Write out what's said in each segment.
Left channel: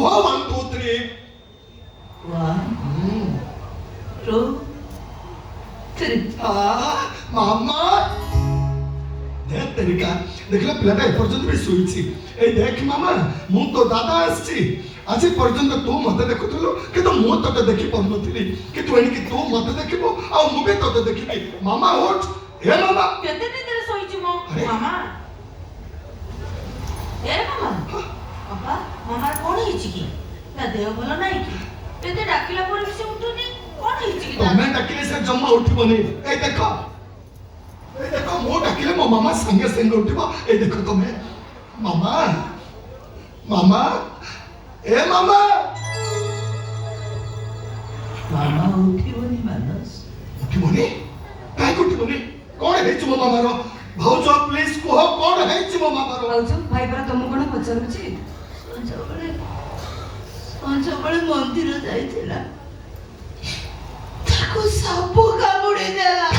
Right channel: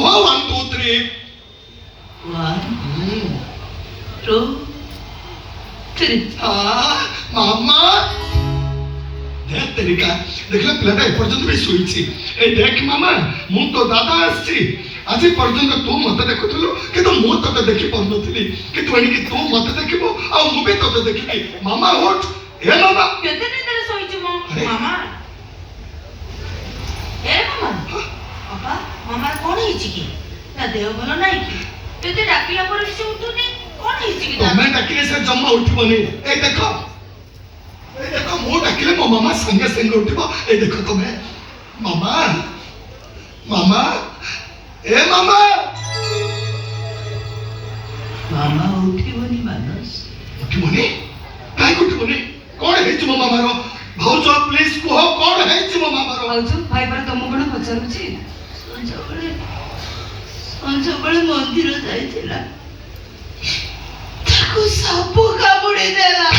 1 2 3 1 2 3 मामा देख तेरिका देखला पिलाटा एपर्यंत भी सुईची ए देख मामा मु तो दादा आसी आज पर्यंत तू मत देखुथलो कि तो मु तते देखि पनथली कि तू एनी कि तू मत देखिबो आ मु भी तते देखिबी मामा उठ हे मामा केते निदरे सोईची मो मामा ए मामा बाबा मामा कोन हिची की ता देह भलो नाही की केते डाकिला पर से उठुनी कोन हिची की तमे डाकिले से जम्मा उठिबनी ए देखो मो डाकिले मो मामा संगे संगे उठिबो ए देखो तमे मामा मामा ए मामा मामा उठिबनी मानस उठिबनी काय उठिबनी कोन हेच मो मामा रो भाउजो प्लीज को कोन हेच मो मामा रो भाउजो भाई पर तुम कोन पचारुची संजबळे मंदिर जायतिला ताको साप कामुडी देला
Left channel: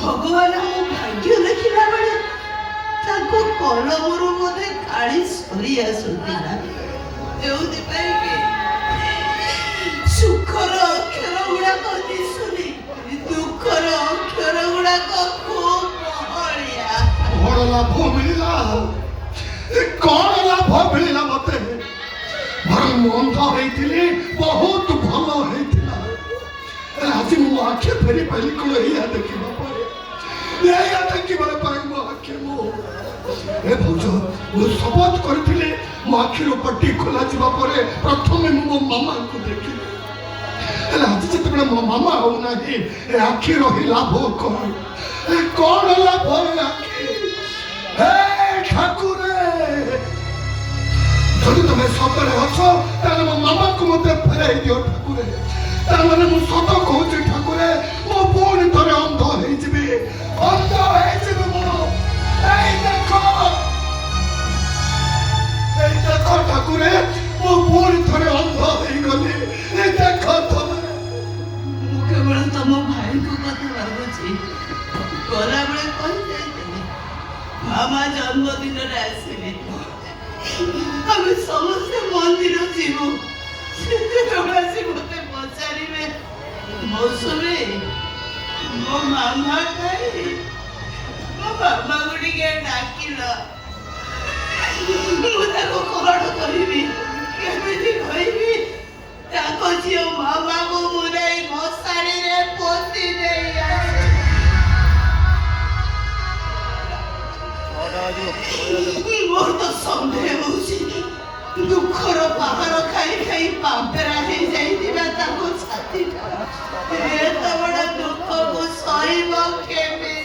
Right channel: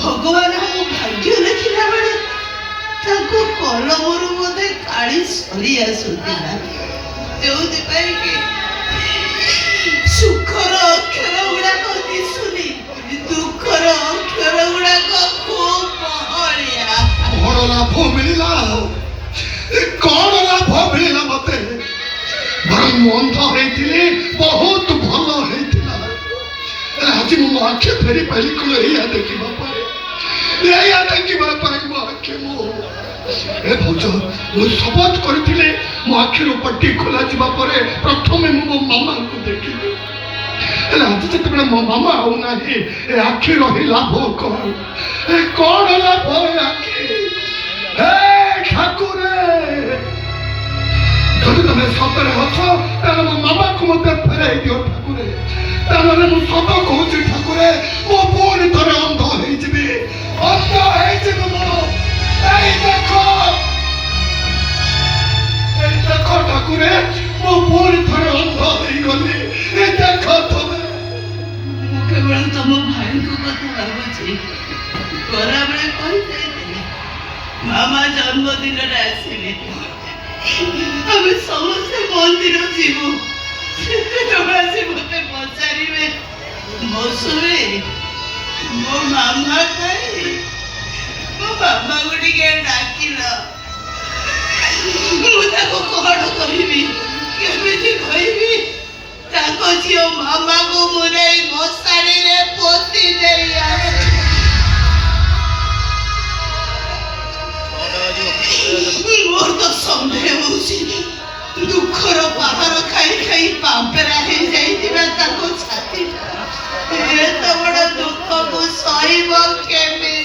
भगवान को भाग्य लिखिला बेले ताको कलमरु मते काली सरी आसुतिला देउति पाई के सुखर अक्षर गुडा को दिसुनी दुखर अक्षर गुडा को खूब महलिया कौन लाभ मिला मते मंद होइतिली बहुत भलो होइतिला आज मु आखे फेरी पहली को एया देखिबा पारे मो आखे मो ए भौजो मु शपथ करथिले मो आखिर पट्टी खोला जिबा पारे प्रथमे मो मामा को देखिले आज जतबे मो मामा हो नाही ए आखि रही लाभ कौन लाभ आखि हे ठाकुरे যদি তুমি সতরে অছ তাহলে মো মামাকে মতে ফেরাই দিও ঠাকুরে তাহলে মু সত কହୁছি ঠাকুরে মো পুଣି ଥରେ ଅନ୍ଧ ହେଇଯିବି মো এই দেখো ঠাকুরে মো পুଣି ଥରେ ଅନ୍ଧ ହେଇଗଲି এই দেখো তুমি केवल तुम भाई को कथा भाବୁଛି ଗଲାବେଳେ କହିଯାଇଥିଲେ मामा जन्मदिन ଆସିଲେ ଆମେ ସମସ୍ତେ ମନ୍ଦିର ଯିବୁ ସେତେବେଳେ ସେ ମୋତେ ପଚାରିବେ ମୌସୁମୀ ମୋ ମାମା କାଇଁ ମୋ ମାମାକୁ ଟିକେ ଡାକିଲ ମୁଁ ତାକୁ କଣ କହିବି କେମିତି କହିବି ତାଙ୍କ ଝିଅ ମାମାକୁ ମୁଁ ନେଇ ମଶାଣିରେ ପୋତି ଦେଇ ଆସେ ମୋର ତ ସନ୍ଦେହ ହଉଛି ଦୁଃଖର ପାହାର ଖାଇ ଖାଇ ପାମ୍ପେରା ହେଇଯାଇଥିବା ତାକୁ ଛାତିଟା ଏତେ ବଡ଼ ଦୁଃଖକୁ ସହିବ କେମିତି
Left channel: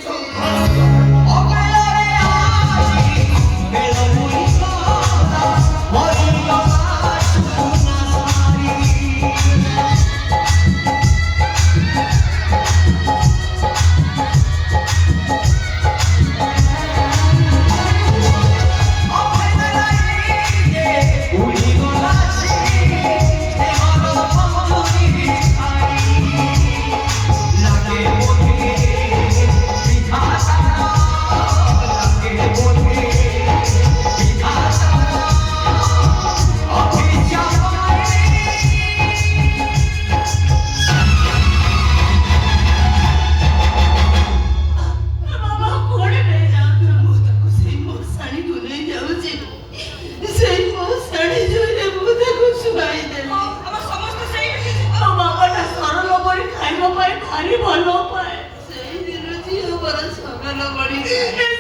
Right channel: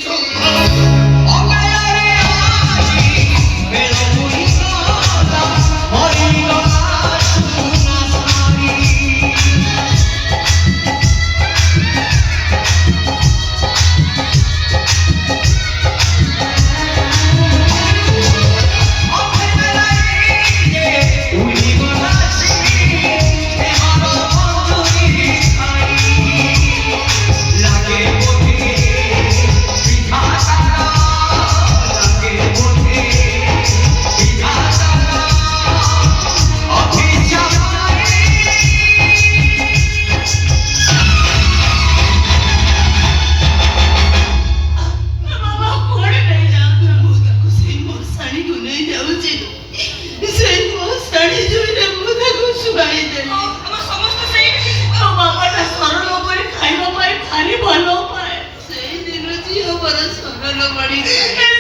ଭଲ ପାଏ ସେଇ ଦିନ ଝିଅ ମୋର ସରଳ ବଢି